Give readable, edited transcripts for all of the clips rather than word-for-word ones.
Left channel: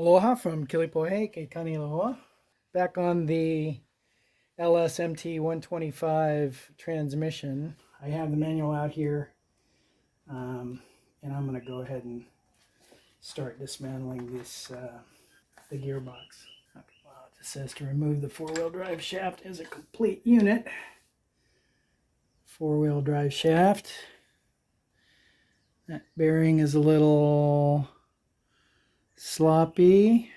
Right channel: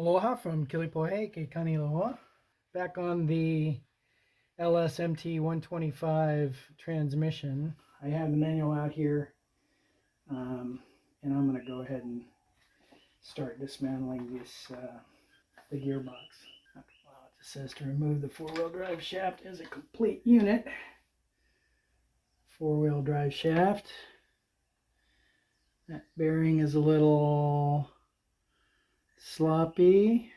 Aloha from Kilipohe, Keikani Aloha. Back on the LS MT125 transmission. I have the manual out here, and I'm going to go ahead and start dismantling this the gearbox. It just says to remove the four-wheel drive shaft as a complete unit. Four-wheel drive shaft. That bearing is a little sloppy.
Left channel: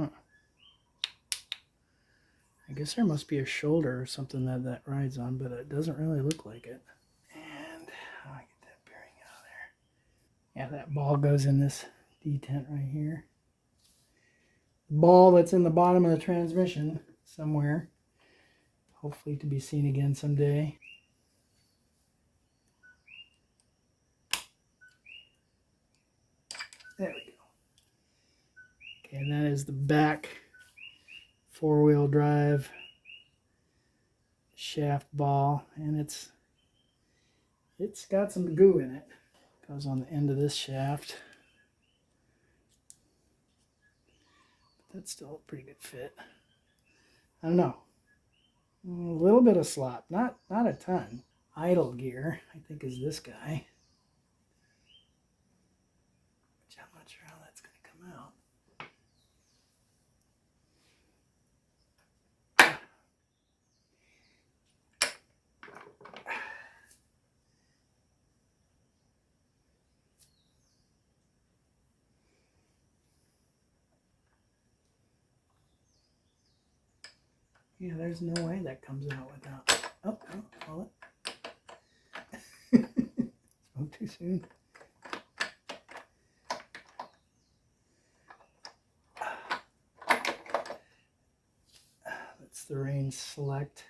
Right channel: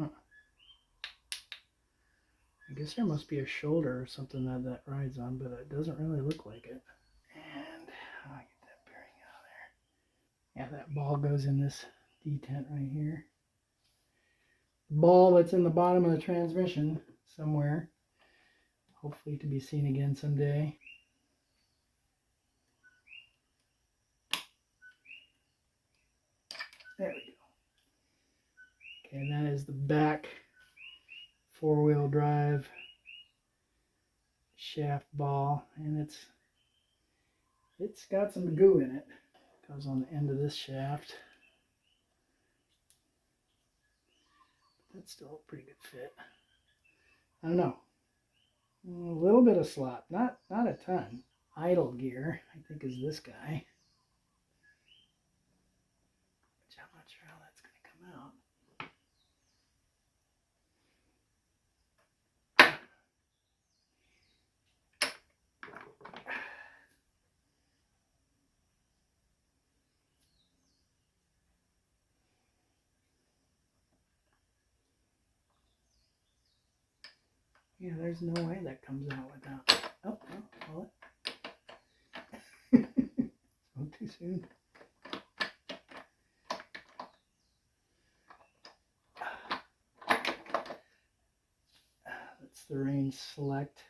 I guess there must be a shoulder or something that rides on, but it doesn't really look like it. And how do I get that bearing out of there? Yeah, that ball goes in this detent right here. Ball that's in the bottom of the transmission somewhere. Hopefully to be seen again someday. There we go. Okay, and that is the back four-wheel drive shaft ball, and it's got some goo in it. Goes on the end of this shaft. That's still a pretty good fit. I don't know. A little bit of slop, not a ton. Idle gear, I think, is this guy. Which I'm not sure how that's going to come out. Yeah, there's no way that comes out without. Oh, hold it. Spoke too soon. That's the range select.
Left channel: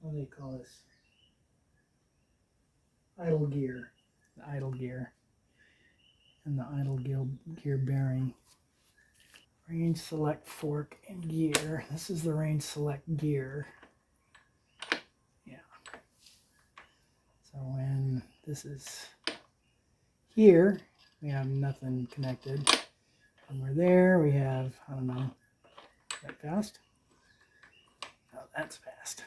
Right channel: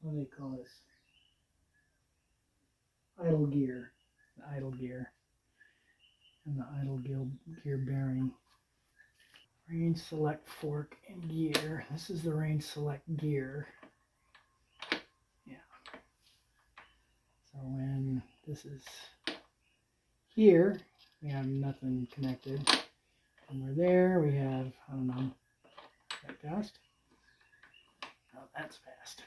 What do they call this? Idle gear. The idle gear. And the idle gear bearing. Range select fork and gear. This is the range select gear. Yeah. So when this is here, we have nothing connected. When we're there, we have, I don't know, that fast? Oh, that's fast.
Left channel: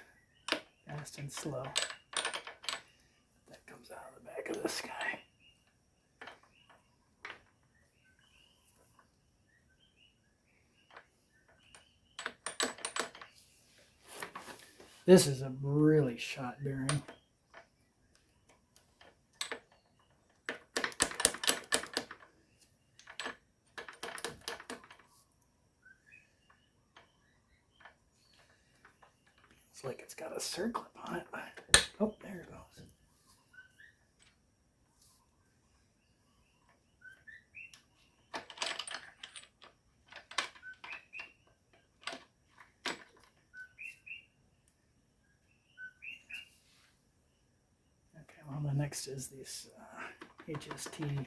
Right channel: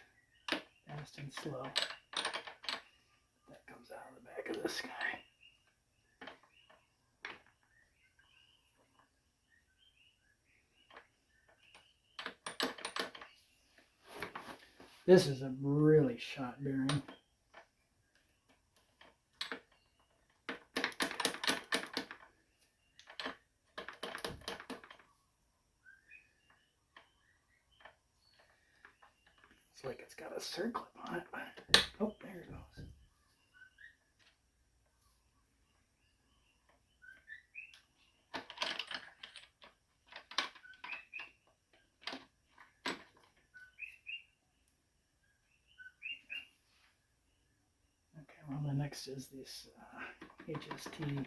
Fast and slow. That comes out of the back of this guy. This is a really shot bearing. It's like it's got a circlip on it. Oh, there it goes. Okay, well, the next is this HST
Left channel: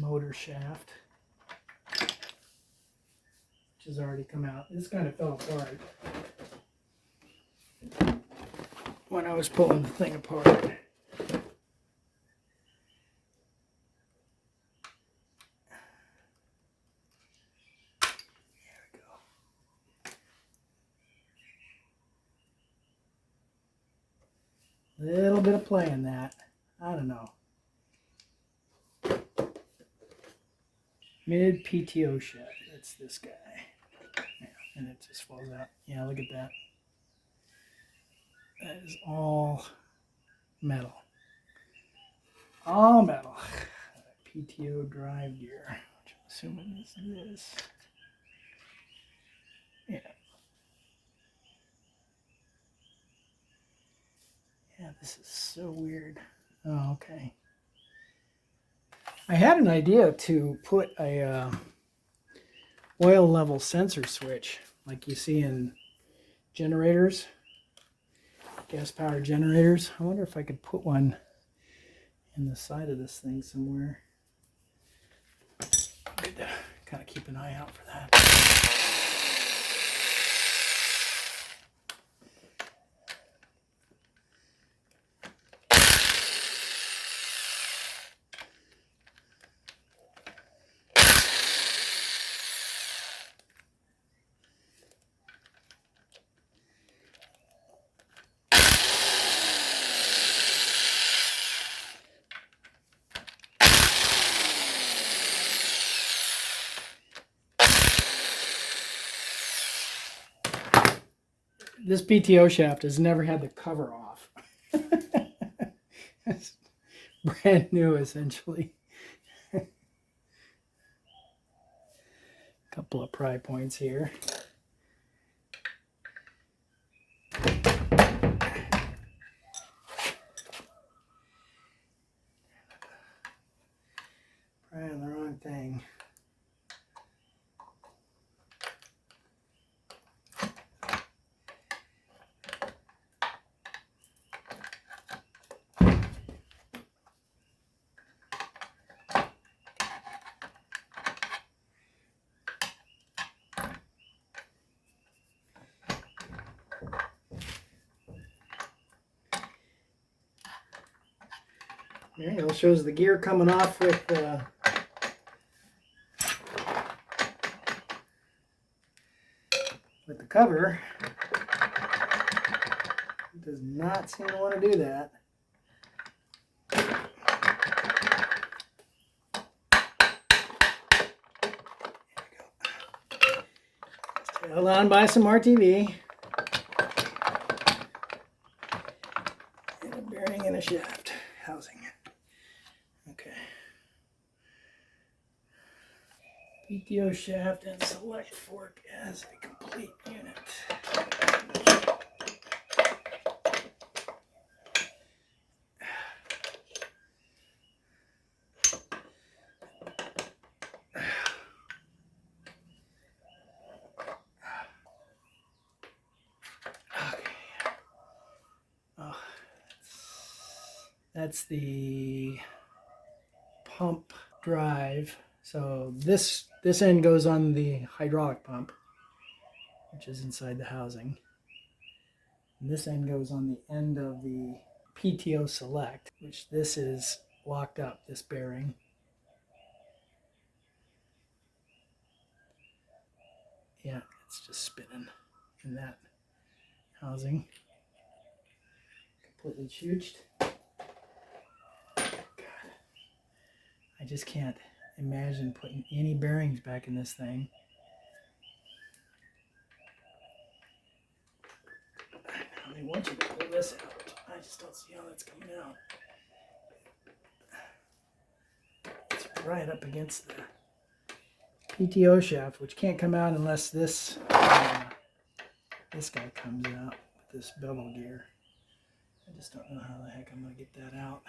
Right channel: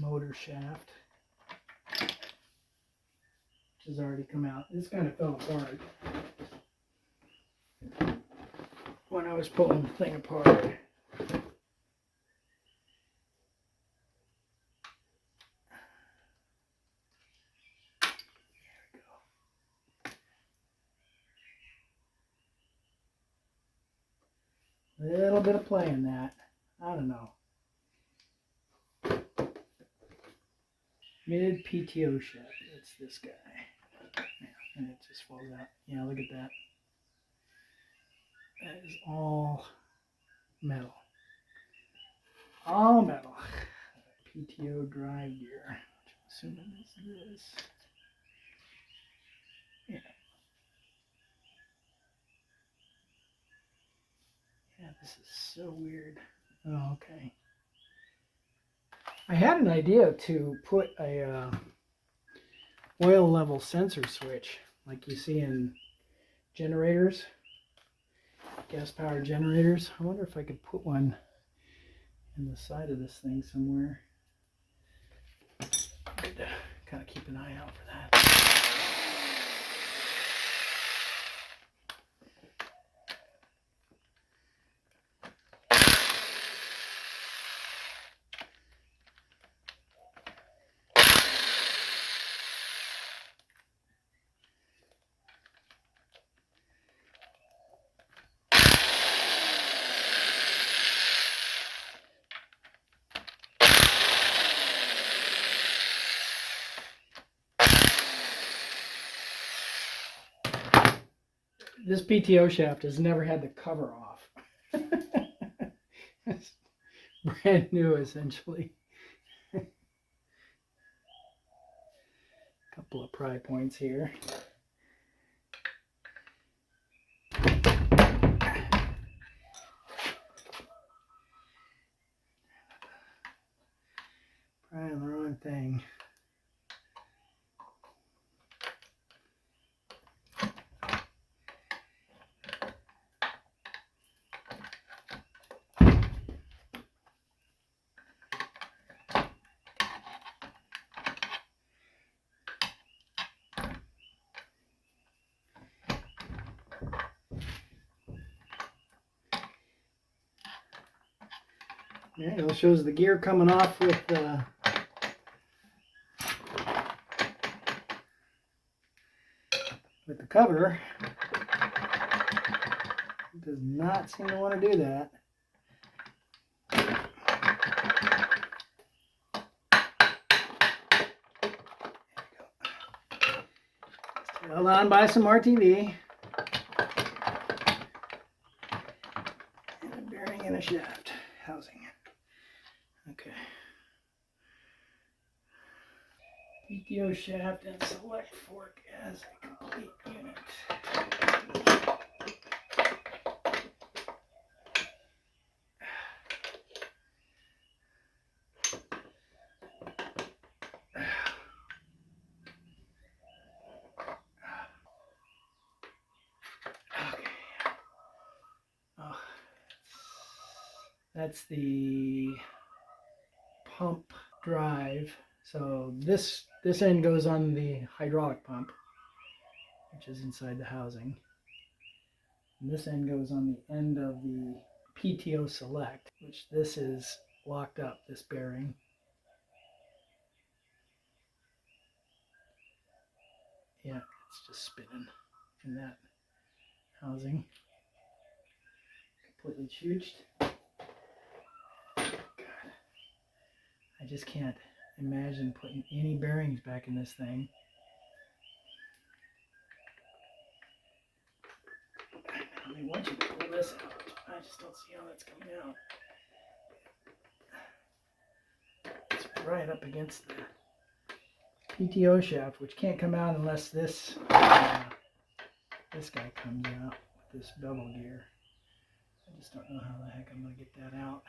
motor shaft, which has already come out. This kind of fell apart when I was pulling the thing apart. There we go. Little bit of play in that. I don't know. Mid PTO shaft. That's this guy. Yeah, and it just falls out. Yeah, look at that. That is all metal. All metal. PTO drive gear, which I'm assuming is this. Yeah. Yeah, this is so weird. Oh, okay. I had an idea to put a oil level sensor switch like you see in generators, gas powered generators. I wonder if I could put one in the side of this thing somewhere. Good to kind of keep an eye out for that. This PTO shaft has never had the cover off. It's brand new, essentially. Couple of pry points here. Prying the wrong thing. There you go. Shows the gear coming off with the cover. It does not seem to want to do that. Held on by some RTV. And a bearing and a shaft housing. Okay. PTO shaft and select fork as a complete unit. That's the pump drive. So this end goes on the hydraulic pump, which is inside the housing. And this end goes on the end of the PTO select, which this is locked up, this bearing. Yeah, it's just spinning in that housing. Completely chooched. I just can't imagine putting any bearings back in this thing. They want you to pull this out. I just don't see how that's coming out. It's right up against the PTO shaft, which can't come out unless this this guy comes out with this bevel gear. I just don't know how the heck I'm going to get that out.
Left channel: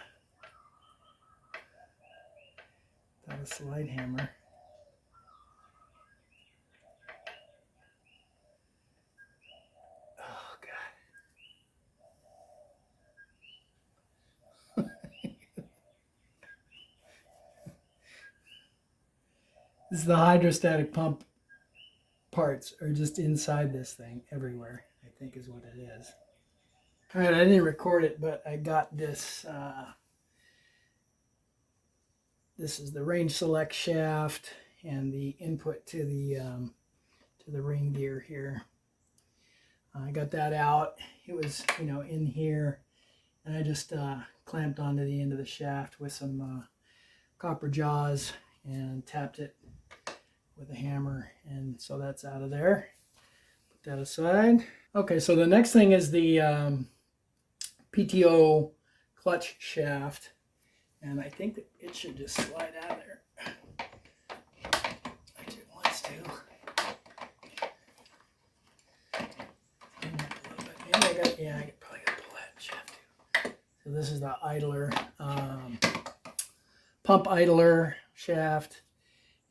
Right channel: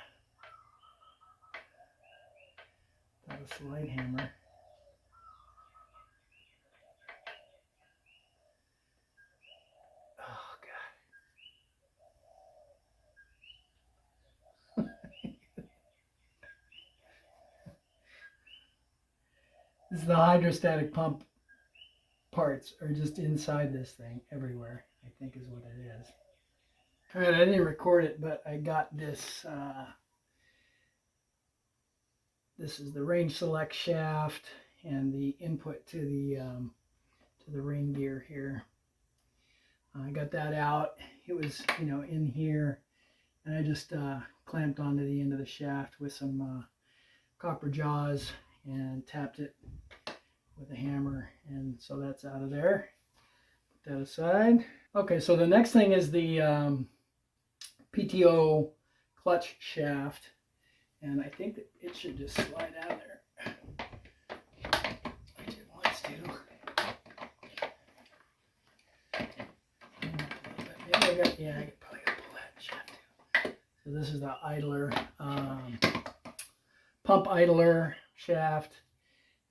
Without a slide hammer. Oh, God. This is the hydrostatic pump parts are just inside this thing everywhere, I think is what it is. All right, I didn't record it, but I got this. This is the range select shaft and the input to the ring gear here. I got that out. It was, in here, and I just clamped onto the end of the shaft with some copper jaws and tapped it with a hammer, and so that's out of there. Put that aside. Okay, so the next thing is the PTO clutch shaft, and I think that it should just slide out of there, which it wants to. Yeah, I could probably pull that shaft too. So this is the idler, pump idler shaft,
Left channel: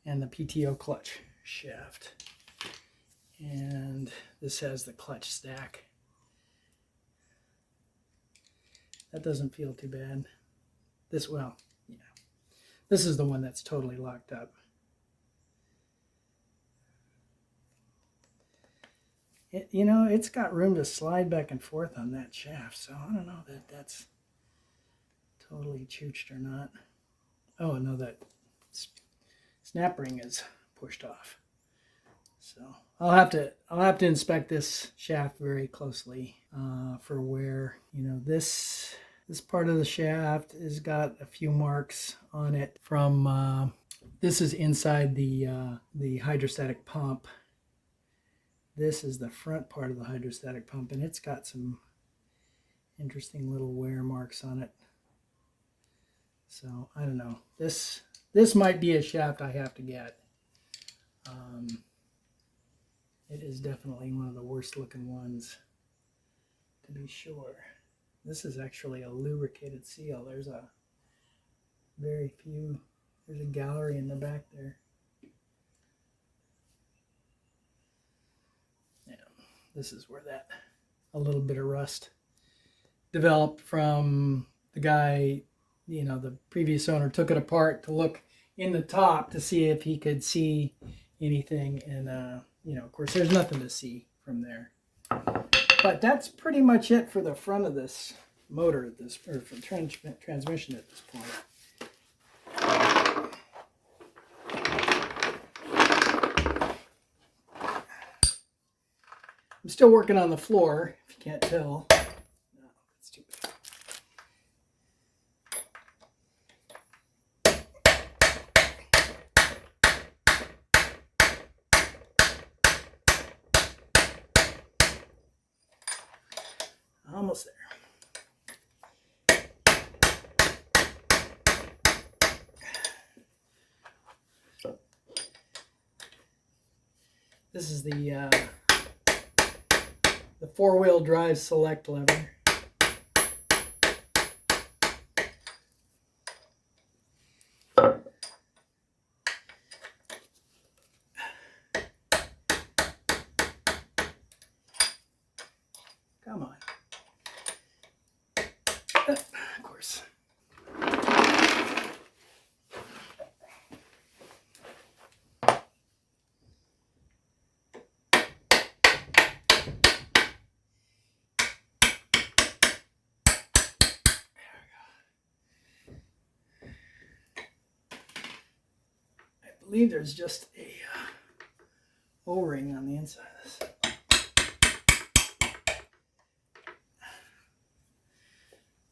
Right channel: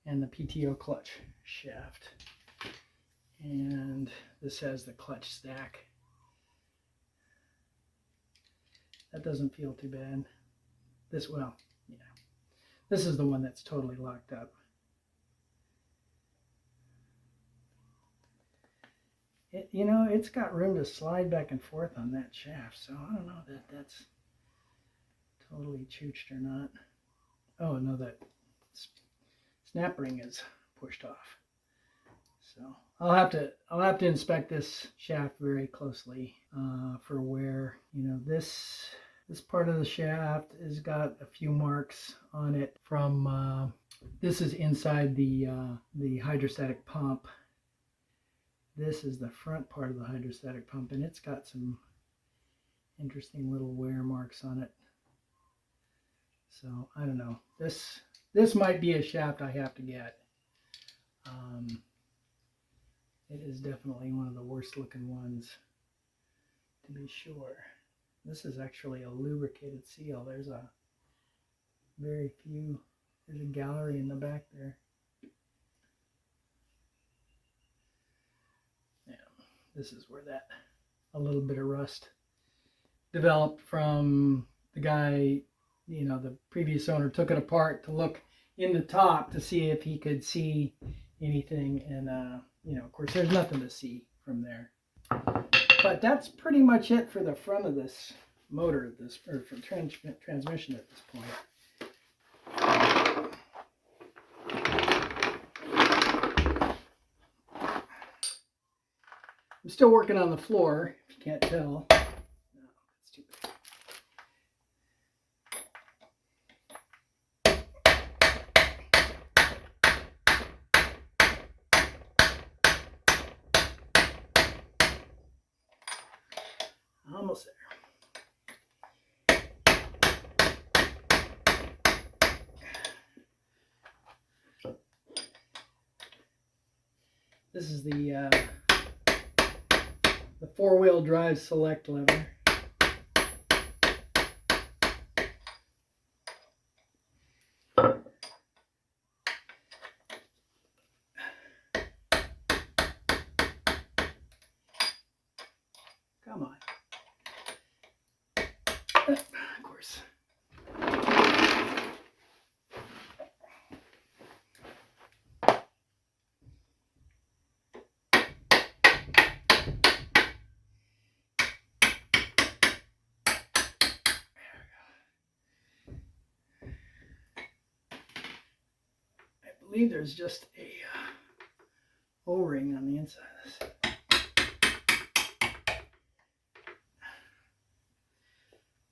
and the PTO clutch shaft. And this has the clutch stack. That doesn't feel too bad. This is the one that's totally locked up. It's got room to slide back and forth on that shaft, so I don't know that that's totally chooched or not. Oh, no, that snap ring is pushed off. So I'll have to inspect this shaft very closely for where this part of the shaft has got a few marks on it from this is inside the hydrostatic pump, This is the front part of the hydrostatic pump, and it's got some interesting little wear marks on it. So I don't know. This might be a shaft I have to get. It is definitely one of the worst looking ones, to be sure. This is actually a lubricated seal. There's a gallery in the back there. Yeah, this is where a little bit of rust developed from the guy, the previous owner took it apart to look in the top to see if he could see anything. And, of course, there's nothing to see from there. But that's pretty much it for the front of this motor, or for transmission at this point. I'm still working on the floor, if you can't tell. No, that's too bad. Almost there. This is the four-wheel drive select lever. Come on. Of course. I believe there's just a O-ring on the inside of this.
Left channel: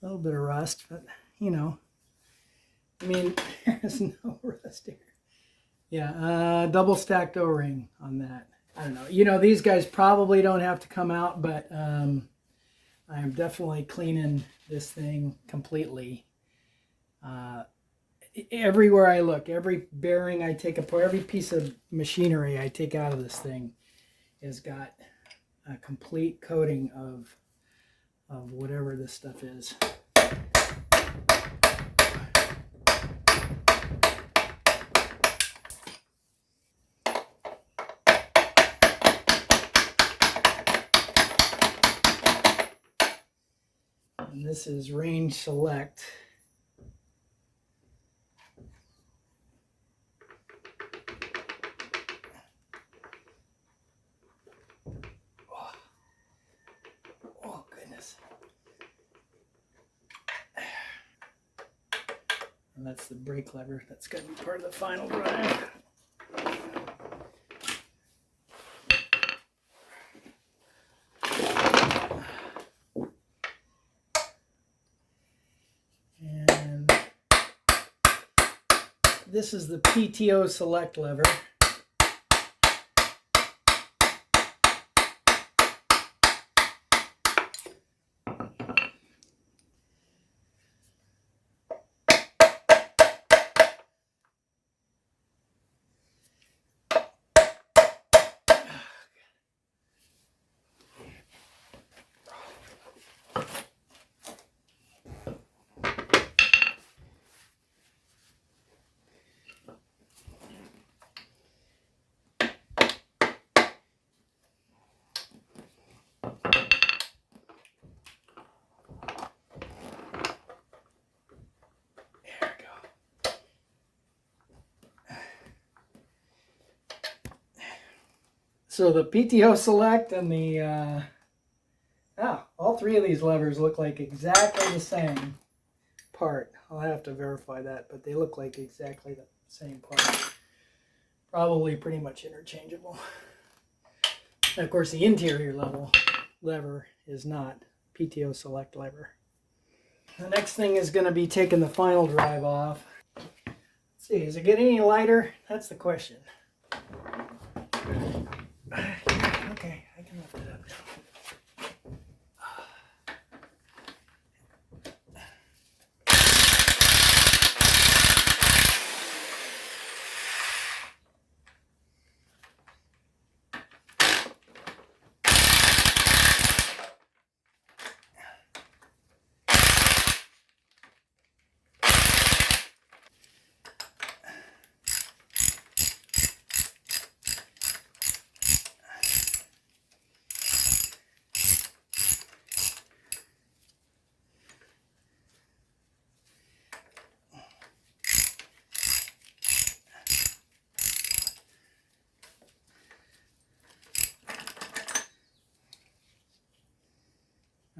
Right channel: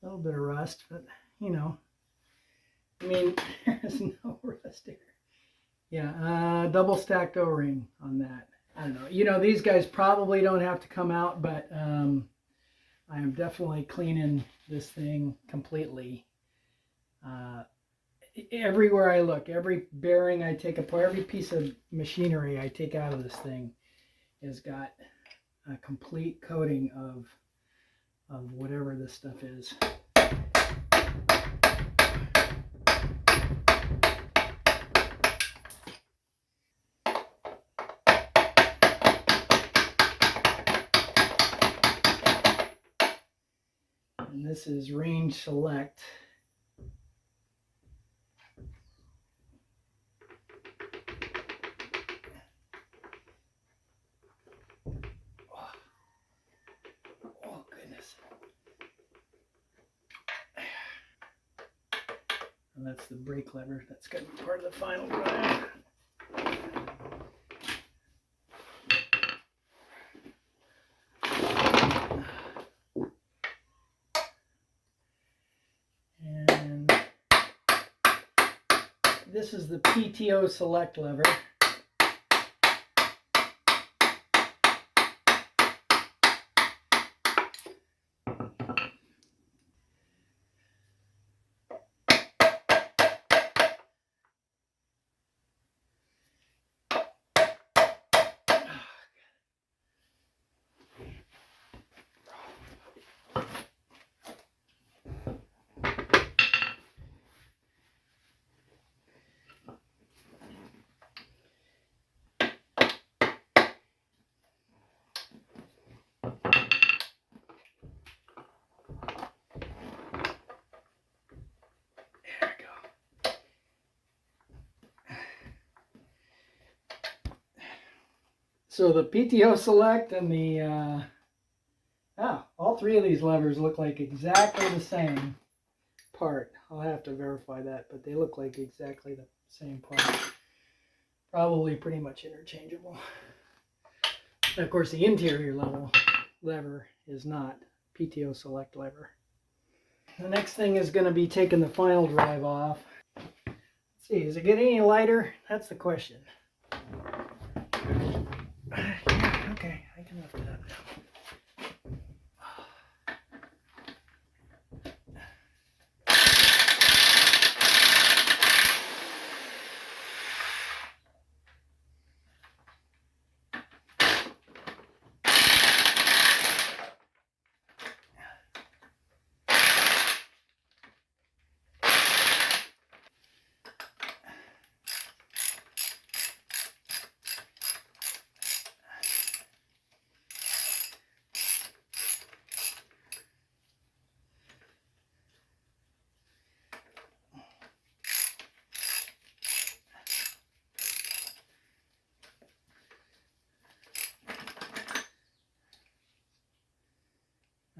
A little bit of rust, but there's no rust here. Yeah, double stacked O-ring on that. I don't know. These guys probably don't have to come out, but I'm definitely cleaning this thing completely. Everywhere I look, every bearing I take apart, every piece of machinery I take out of this thing has got a complete coating of whatever this stuff is. And this is range select. Oh goodness. And that's the brake lever. That's going to be part of the final drive. And this is the PTO select lever. So the PTO select and the, all three of these levers look like exactly the same part. I'll have to verify that, but they look like exactly the same part. Probably pretty much interchangeable. And of course the interior lever is not PTO select lever. The next thing is going to be taking the final drive off. Let's see, is it getting any lighter? That's the question. Okay, I can lift it up now.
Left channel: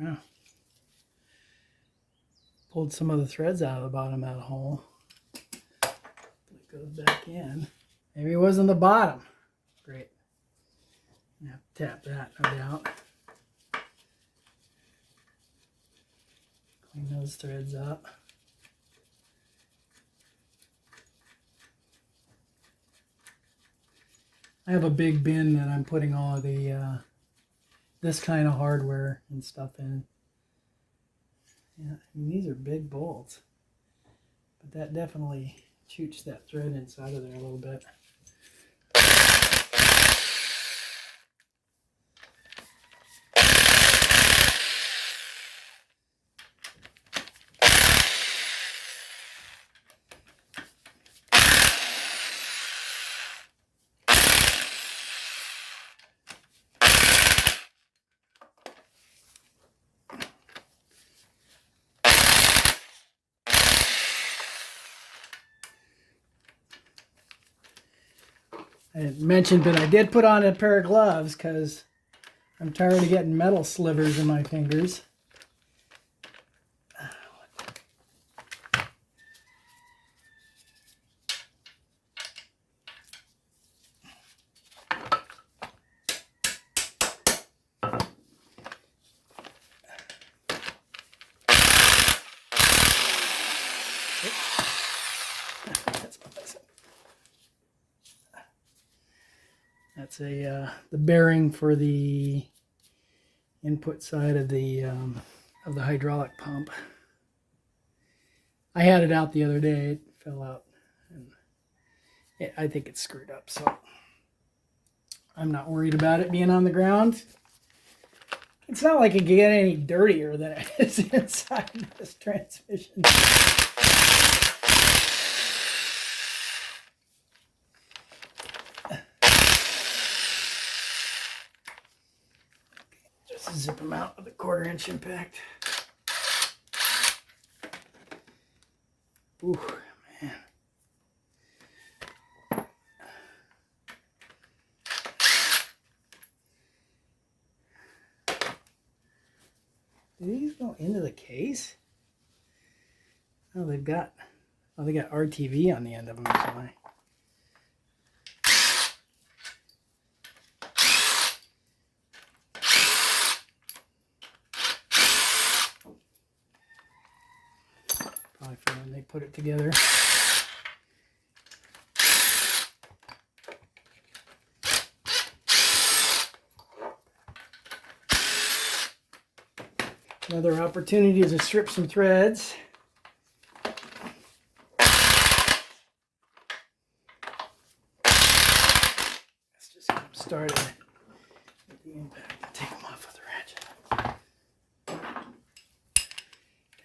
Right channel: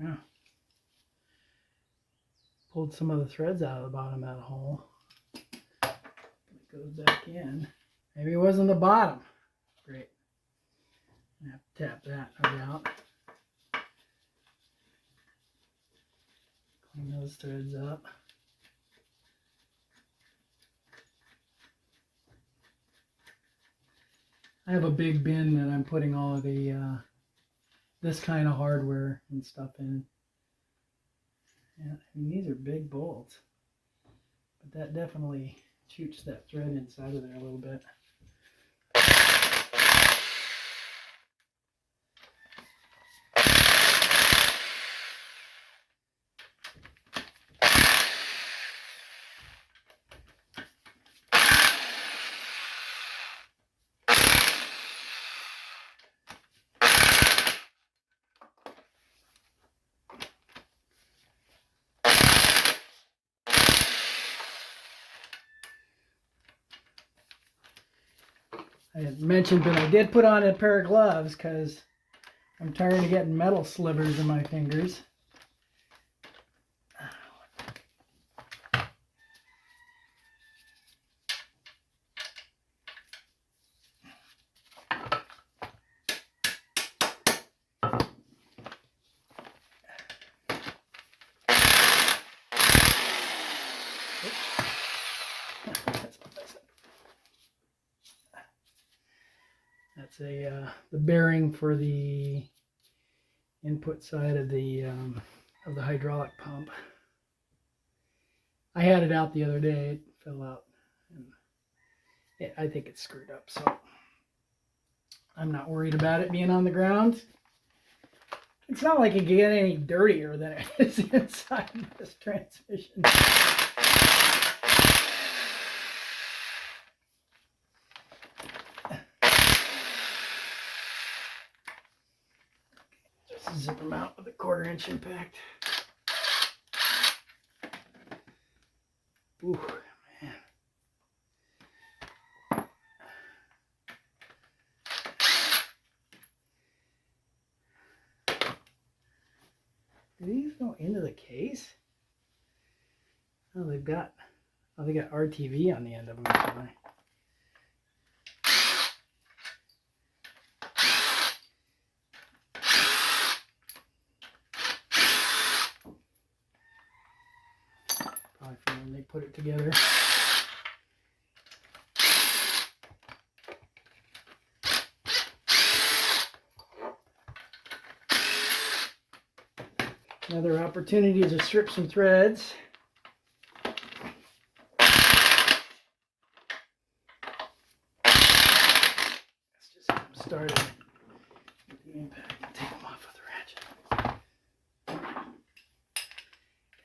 Oh. Pulled some of the threads out of the bottom of that hole. It goes back in. Maybe it was in the bottom. Great. I have to tap that, no doubt. Clean those threads up. I have a big bin that I'm putting all of the this kind of hardware and stuff in. Yeah, I mean, these are big bolts, but that definitely chooks that thread inside of there a little bit. I had mentioned, but I did put on a pair of gloves because I'm tired of getting metal slivers in my fingers. That's the bearing for the input side of the hydraulic pump. I had it out the other day. It fell out, and I think it's screwed up. So I'm not worried about it being on the ground. It's not like it can get any dirtier than it is inside this transmission. Just zip them out with a 1/4 inch impact. Ooh, man. Do these go into the case? Oh, they got RTV on the end of them. Actually. Probably from when they put it together. Another opportunity to strip some threads. Let's just get them started with the impact and take them off with the ratchet.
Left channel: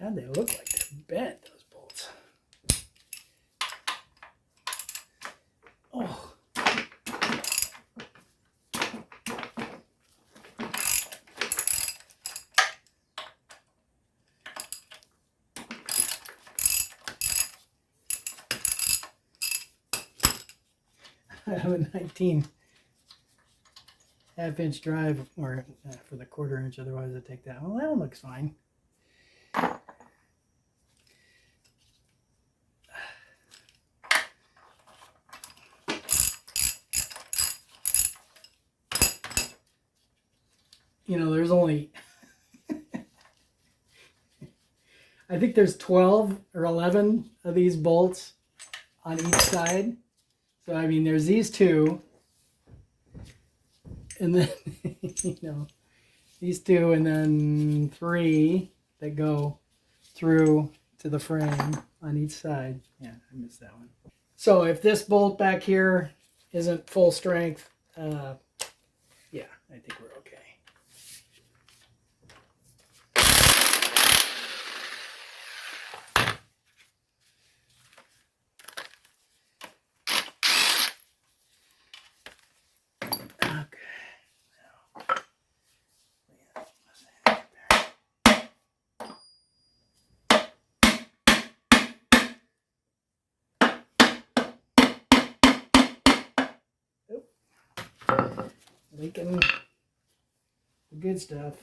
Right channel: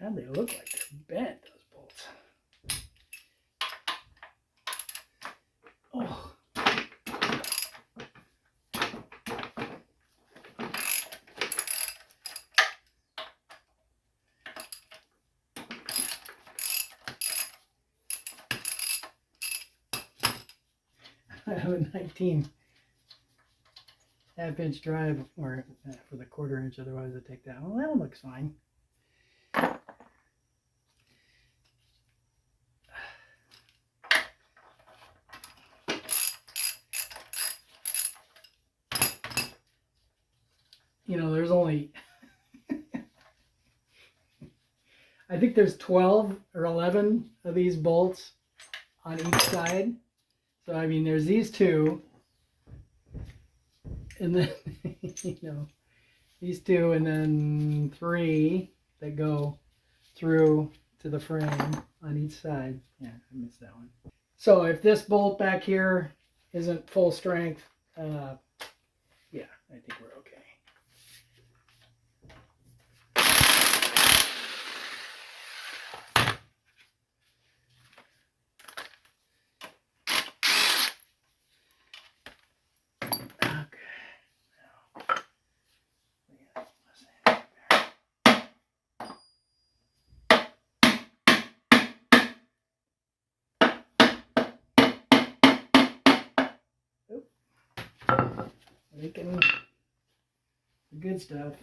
God, they look like they're bent, those bolts. Oh. I have a 19 half-inch drive, or for the 1/4 inch, otherwise I take that. Well, that one looks fine. You know, there's only, I think there's 12 or 11 of these bolts on each side. So, I mean, there's these two. and then, you know, these two, and then 3 that go through to the frame on each side. Yeah, I missed that one. So if this bolt back here isn't full strength, yeah, I think we're okay. Leaking the good stuff.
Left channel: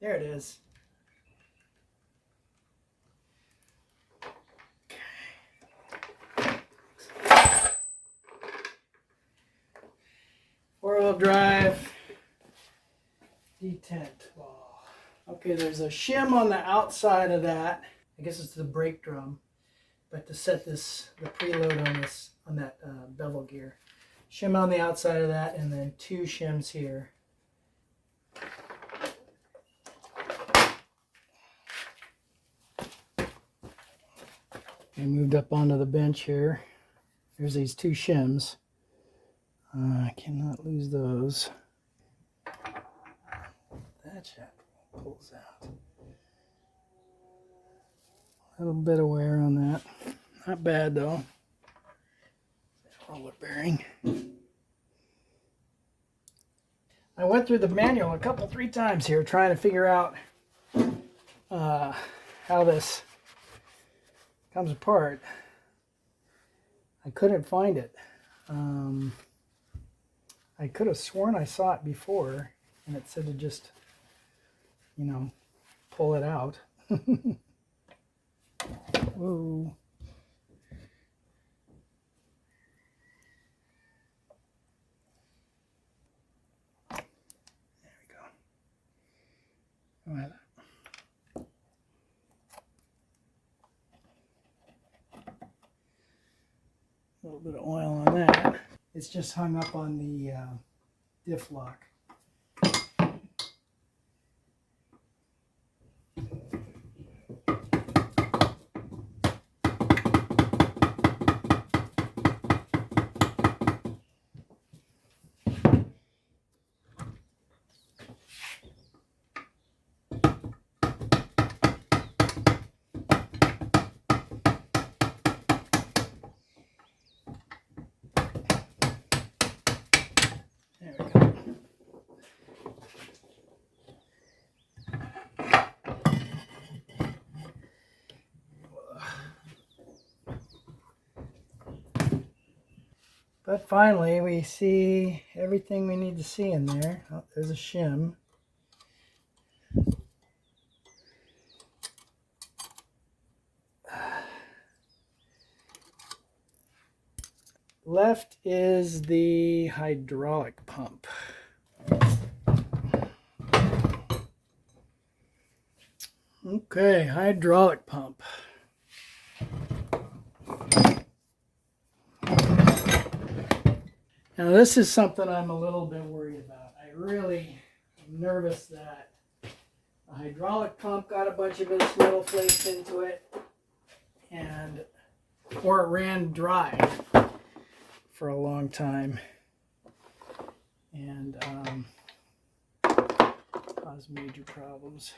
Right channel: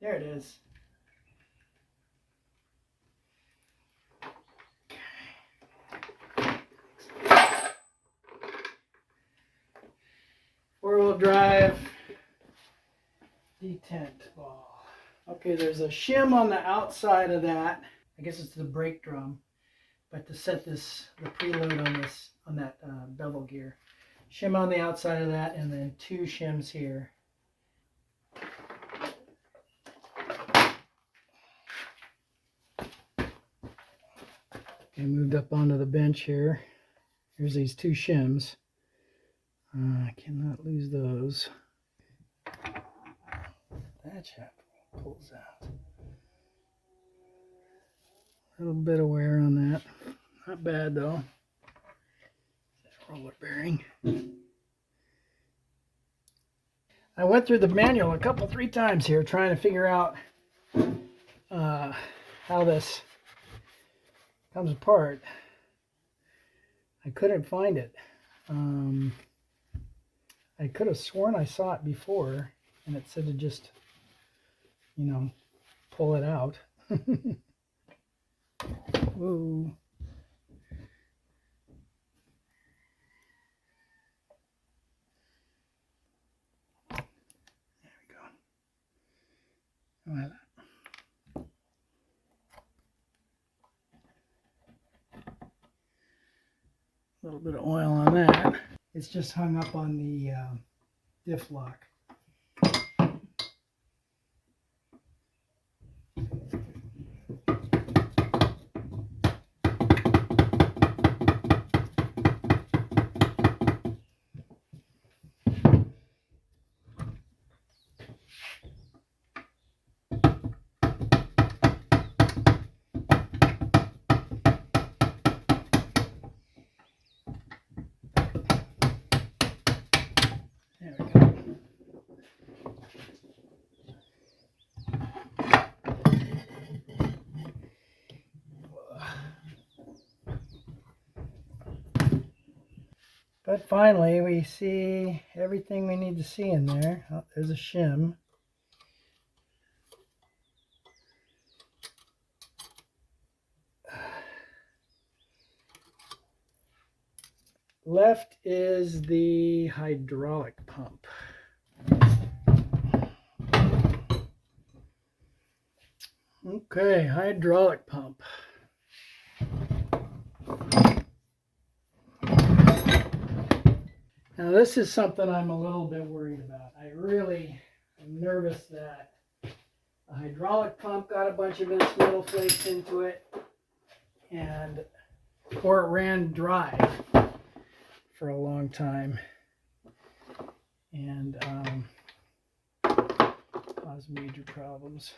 There it is. Four-wheel drive detent ball. Okay, there's a shim on the outside of that. I guess it's the brake drum, but to set this, the preload on that bevel gear. Shim on the outside of that, and then 2 shims here. Okay, moved up onto the bench here. Here's these 2 shims. I cannot lose those. That chap pulls out. A little bit of wear on that. Not bad though. Roller bearing. I went through the manual a couple, 3 times here trying to figure out how this comes apart. I couldn't find it. I could have sworn I saw it before, and it said to just, you know, pull it out. Whoa. There we go. Well, a little bit of oil on that. It's just hung up on the diff lock. There we go. But finally, we see everything we need to see in there. Oh, there's a shim. Left is the hydraulic pump. Okay, hydraulic pump. Now this is something I'm a little bit worried about. I really am nervous that the hydraulic pump got a bunch of its metal flakes into it, or it ran dry for a long time and caused major problems.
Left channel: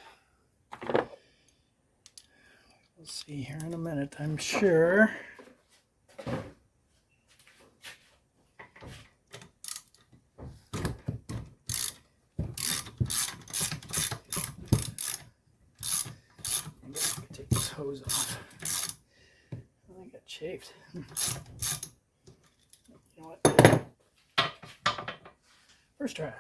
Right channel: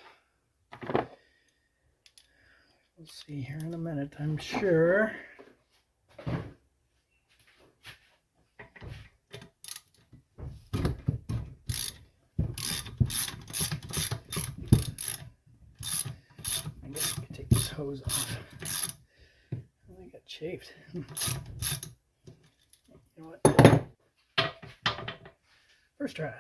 We'll see here in a minute, I'm sure. I guess I can take this hose off. I got chafed. You know what? First try.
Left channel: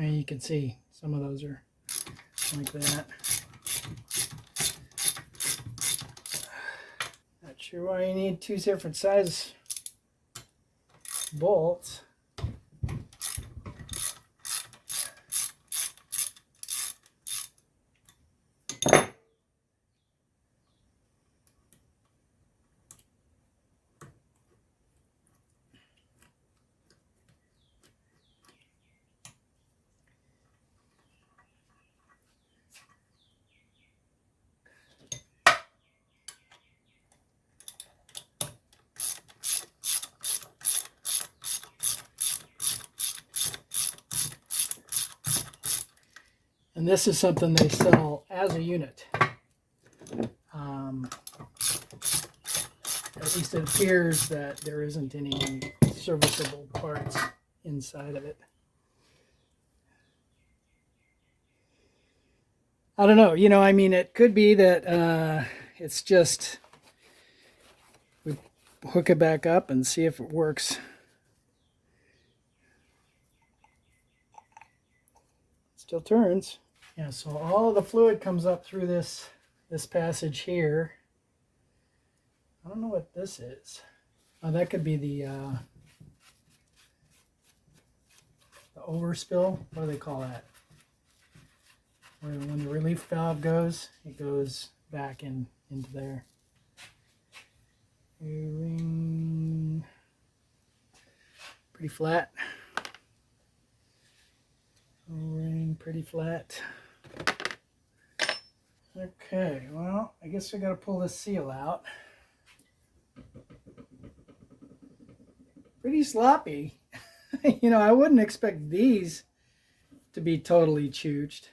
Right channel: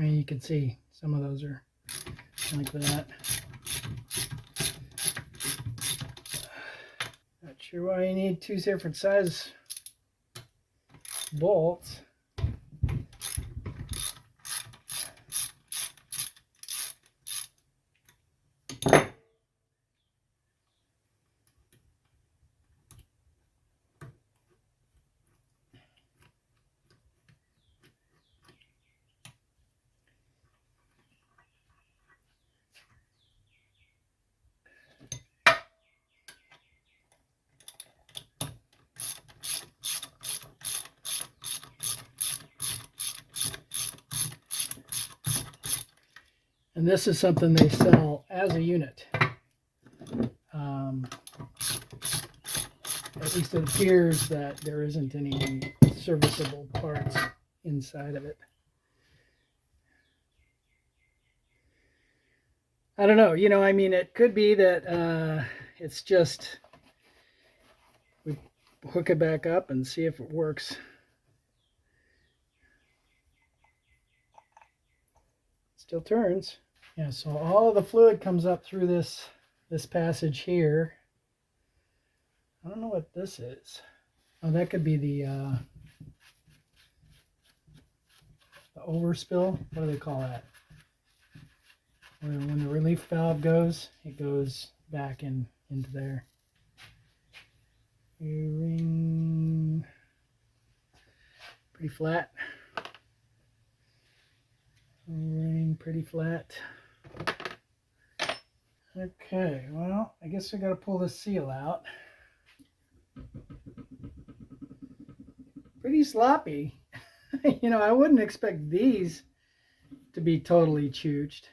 I mean, you can see some of those are like that. Not sure why you need two different size bolts. And this is something they sell as a unit. At least it appears that there isn't any serviceable parts inside of it. I don't know. You know, I mean, it could be that it's just we hook it back up and see if it works. Still turns. Yeah, so all of the fluid comes up through this passage here. I don't know what this is. Oh, that could be the overspill. What do they call that? When the relief valve goes, it goes back into there. Ring pretty flat. Ring pretty flat. Okay, well, I guess we got to pull this seal out. Pretty sloppy. You know, I wouldn't expect these to be totally chooched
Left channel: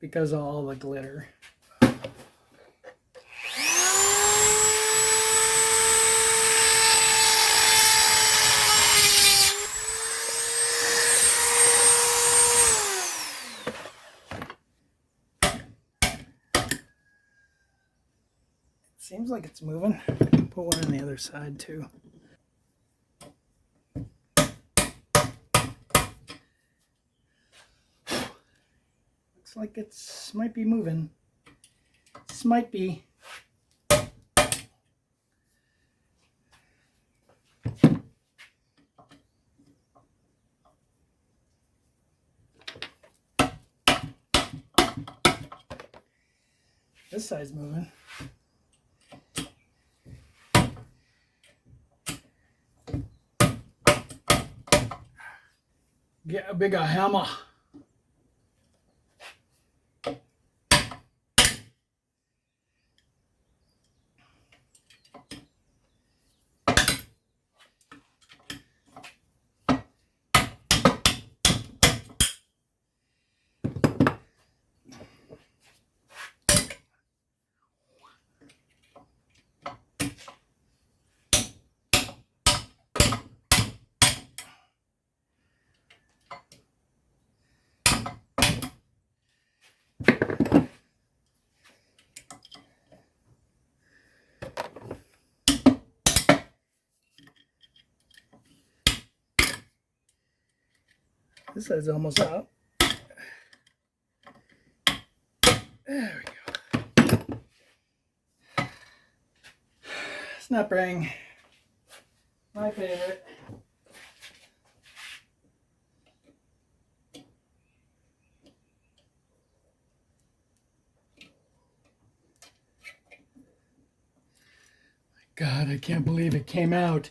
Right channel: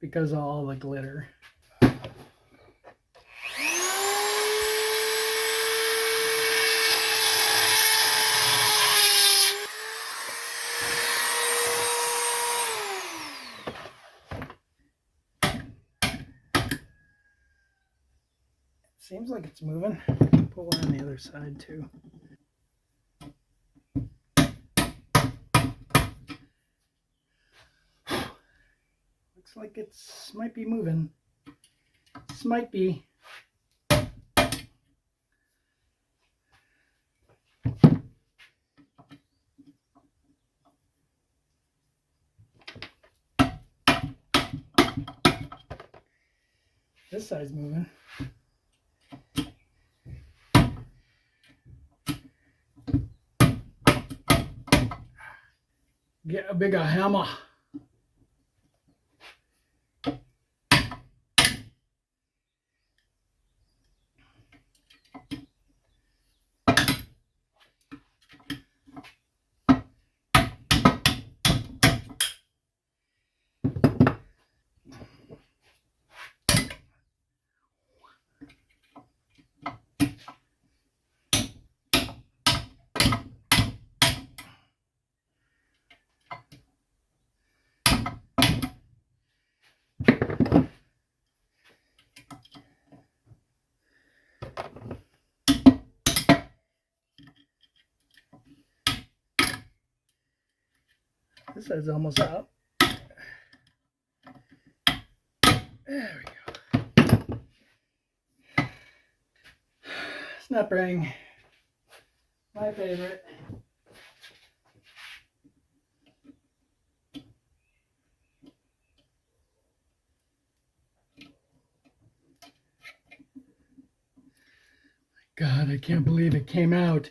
because of all the glitter. Seems like it's moving. Put one on the other side too. Looks like it's might be moving. This might be. This side's moving. Get a bigger hammer. This side's almost out. There we go. Snap ring. My favorite. God, I can't believe it came out.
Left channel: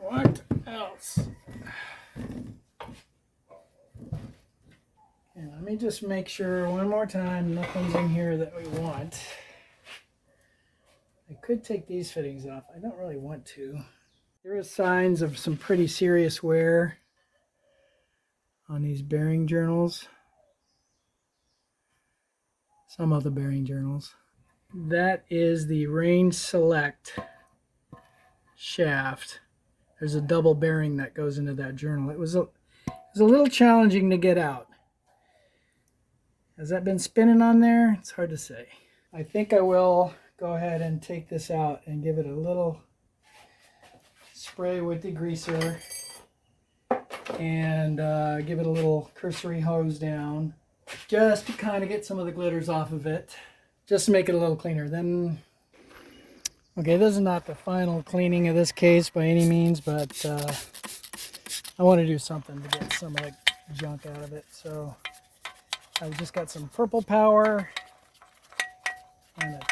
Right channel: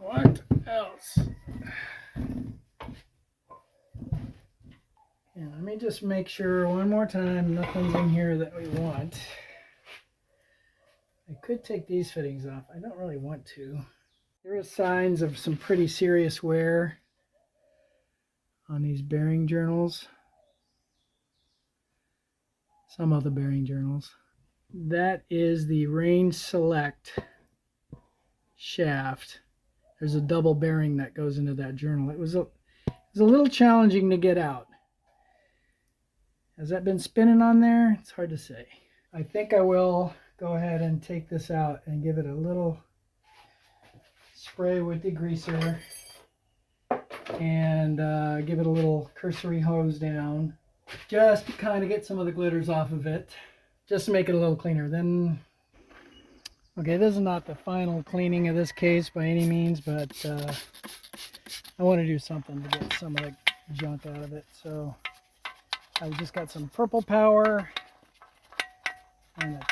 What else? Yeah, let me just make sure one more time nothing's in here that we want. I could take these fittings off. I don't really want to. There are signs of some pretty serious wear on these bearing journals. Some of the bearing journals. That is the Range Select shaft. There's a double bearing that goes into that journal. It was a little challenging to get out. Has that been spinning on there? It's hard to say. I think I will go ahead and take this out and give it a little spray with degreaser and give it a little cursory hose down just to kind of get some of the glitters off of it, just to make it a little cleaner. Then, okay, this is not the final cleaning of this case by any means, but I want to do something to get some of the junk out of it. So I've just got some purple power and a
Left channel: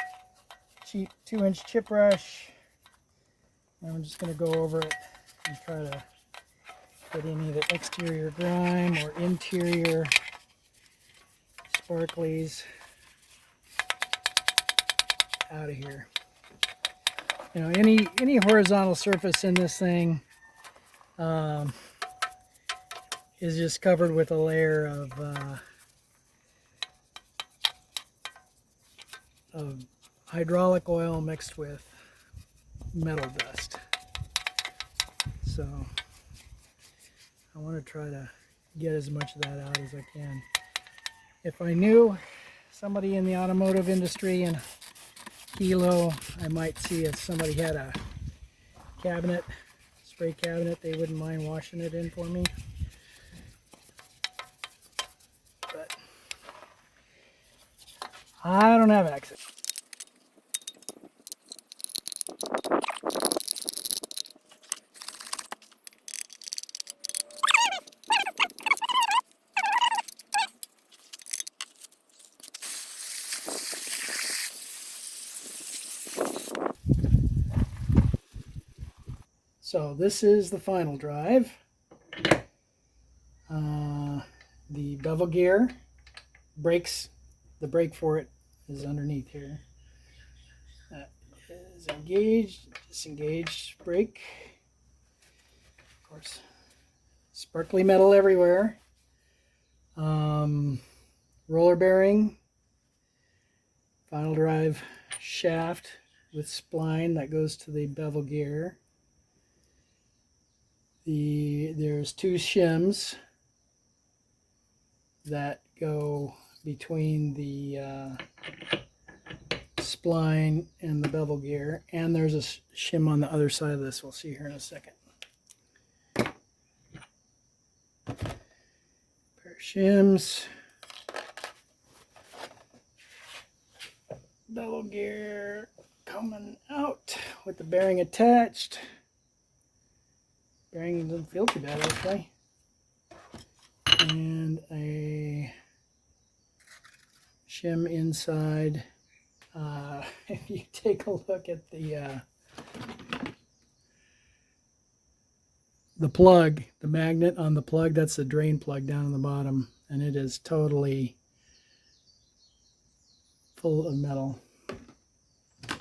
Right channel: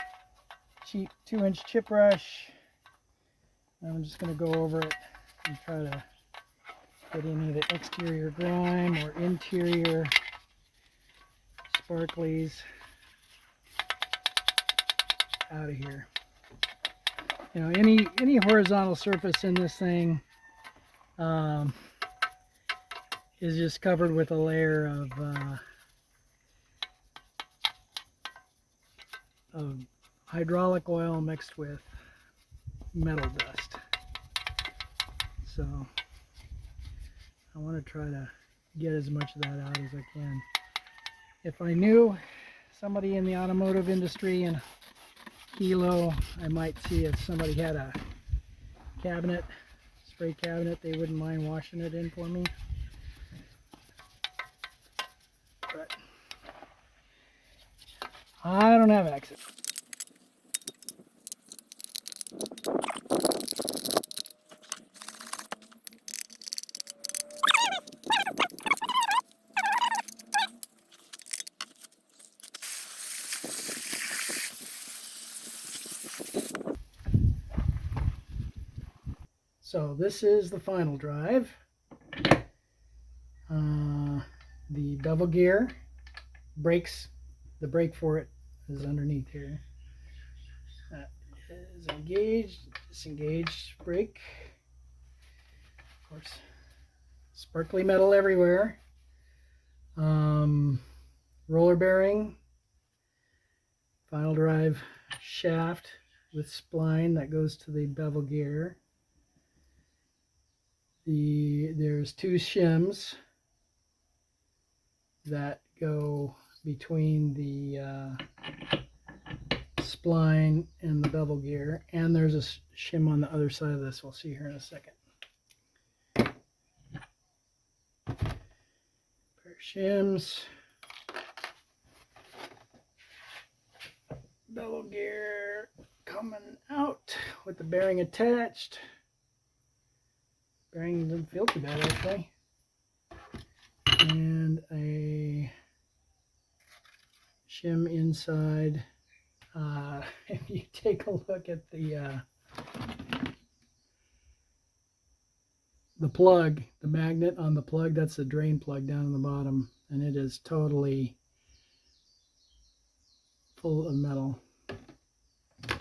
cheap 2-inch chip brush. And I'm just going to go over it and try to get any of the exterior grime or interior sparklies out of here. You know, any horizontal surface in this thing is just covered with a layer of hydraulic oil mixed with metal dust. So I want to try to get as much of that out as I can. If I knew somebody in the automotive industry in Hilo, I might see if somebody had a cabinet, spray cabinet, they wouldn't mind washing it in for me. But I don't have access. So this is the final drive. The bevel gear, brakes, the brake for it is underneath here. That is engaged, disengaged brake. Of course, sparkly metal everywhere. Roller bearing, final drive shaft with spline that goes to the bevel gear. There's 2 shims that go between the spline and the bevel gear, and there's a shim on the other side of this. We'll see here in a second. Pair of shims, bevel gear coming out with the bearing attached. Bearing doesn't feel too bad actually. And a shim inside. If you take a look at the plug, the magnet on the plug, that's the drain plug down on the bottom, and it is totally full of metal. All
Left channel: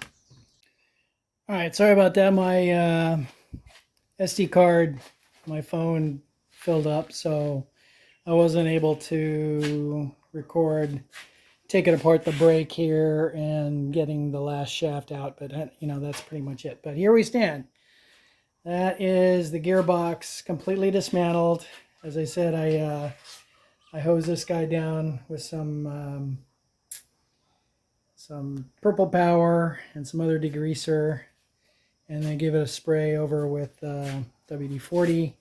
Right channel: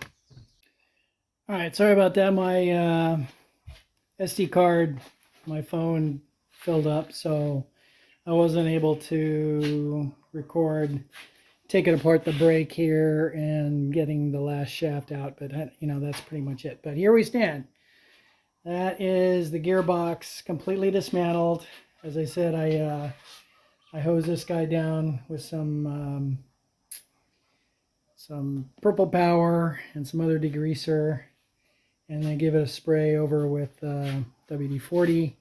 right, sorry about that. My SD card, my phone filled up, so I wasn't able to record taking apart the brake here and getting the last shaft out, but you know, that's pretty much it. But here we stand. That is the gearbox completely dismantled. As I said, I hosed this guy down with some purple power and some other degreaser, and then give it a spray over with WD-40.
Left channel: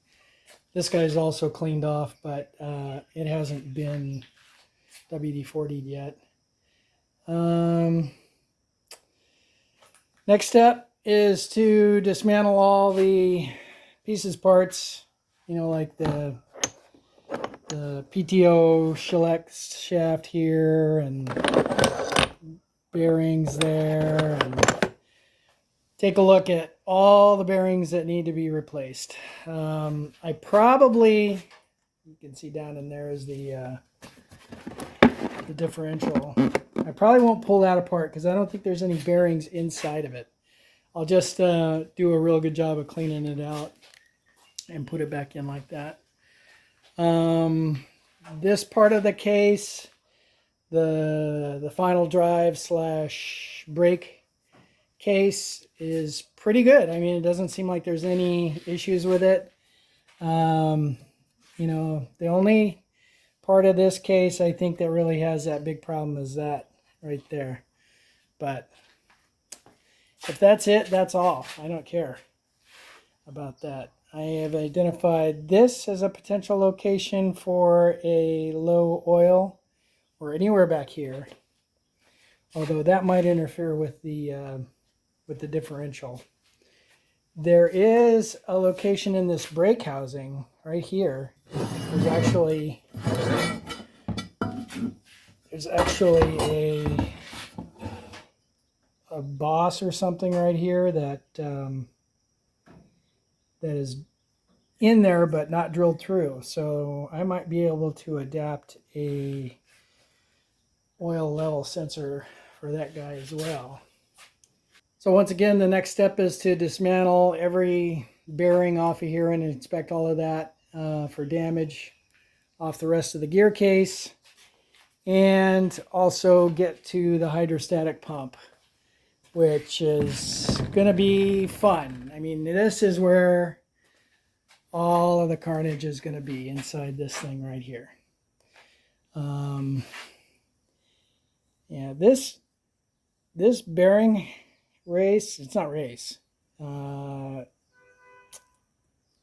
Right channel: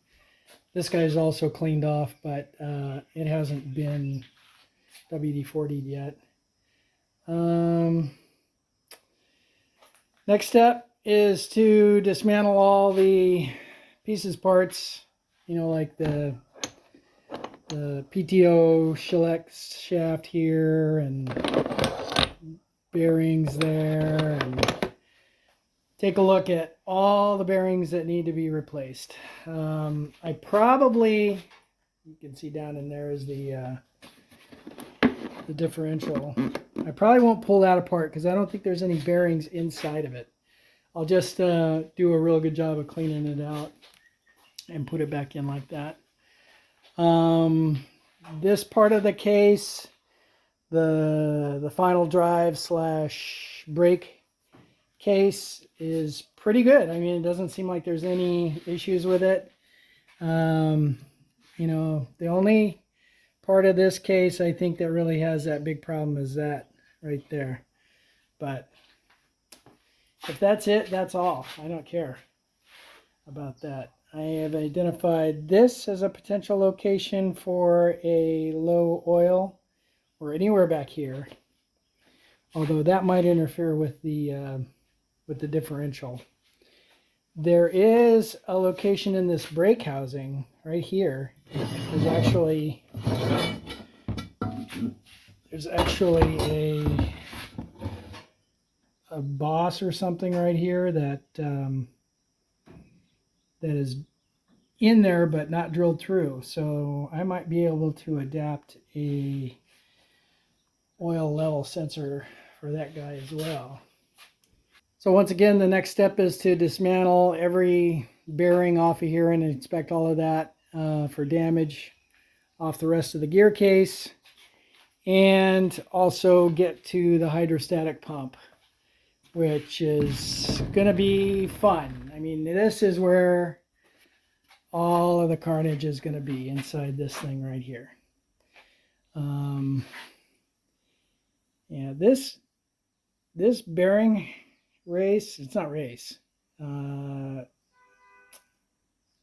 This guy's also cleaned off, but it hasn't been WD-40'd yet. Next step is to dismantle all the pieces, parts, you know, like the PTO shellac shaft here and bearings there, and take a look at all the bearings that need to be replaced. I probably, you can see down in there is the differential. I probably won't pull that apart because I don't think there's any bearings inside of it. I'll just do a real good job of cleaning it out and put it back in like that. This part of the case, the final drive / brake case, is pretty good. I mean, it doesn't seem like there's any issues with it. You know, the only part of this case, I think, that really has that big problem is that right there. But if that's it, that's all. I don't care about that. I have identified this as a potential location for a low oil or anywhere back here. Although that might interfere with the differential. There is a location in this brake housing right here. There's actually a boss or something right here that that is in there but not drilled through. So I might be able to adapt a oil level sensor for that guy as well. So once again, the next step is to dismantle every bearing off of here and inspect all of that for damage off the rest of the gear case, and also get to the hydrostatic pump, which is going to be fun. I mean, this is where all of the carnage is going to be, inside this thing right here. Yeah, this bearing race, it's not race,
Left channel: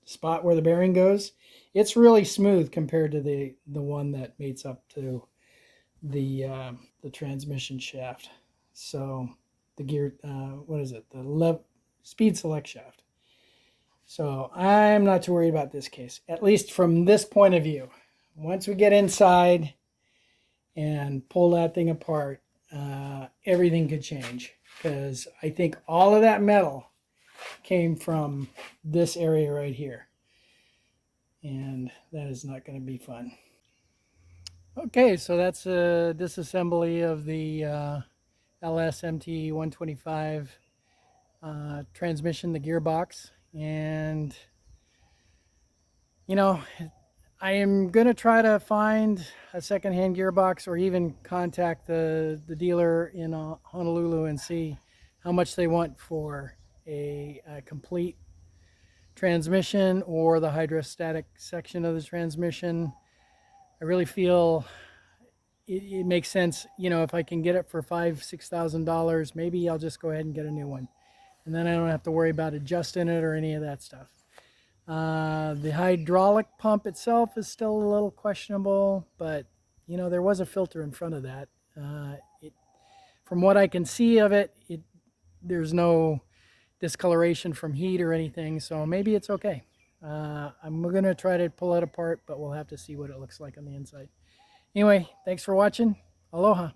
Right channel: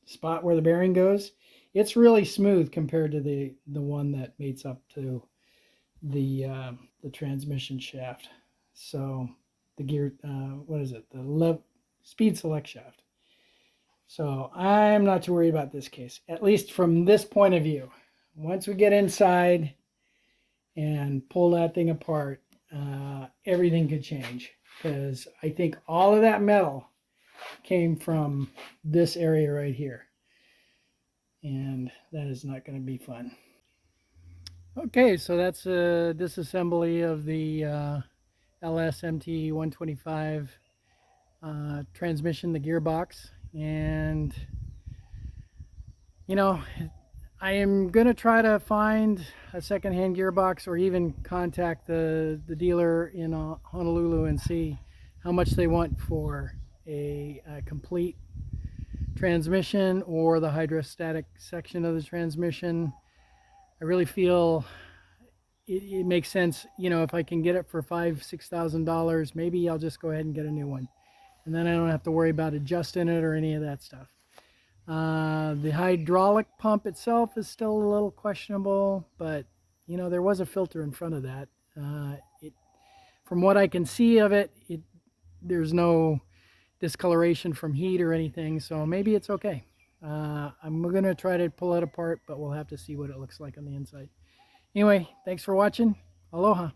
spot where the bearing goes, it's really smooth compared to the one that mates up to the transmission shaft. So the gear, what is it? The speed select shaft. So I'm not too worried about this case, at least from this point of view. Once we get inside and pull that thing apart, everything could change, because I think all of that metal came from this area right here, and that is not going to be fun. Okay, so that's a disassembly of the LS MT125 transmission, the gearbox. And you know, I am going to try to find a secondhand gearbox, or even contact the dealer in Honolulu and see how much they want for a complete transmission or the hydrostatic section of the transmission. I really feel it makes sense, you know, if I can get it for $5,000-$6,000, maybe I'll just go ahead and get a new one, and then I don't have to worry about adjusting it or any of that stuff. The hydraulic pump itself is still a little questionable, but you know, there was a filter in front of that. From what I can see of it, there's no discoloration from heat or anything, so maybe it's okay. I'm going to try to pull it apart, but we'll have to see what it looks like on the inside. Anyway, thanks for watching. Aloha.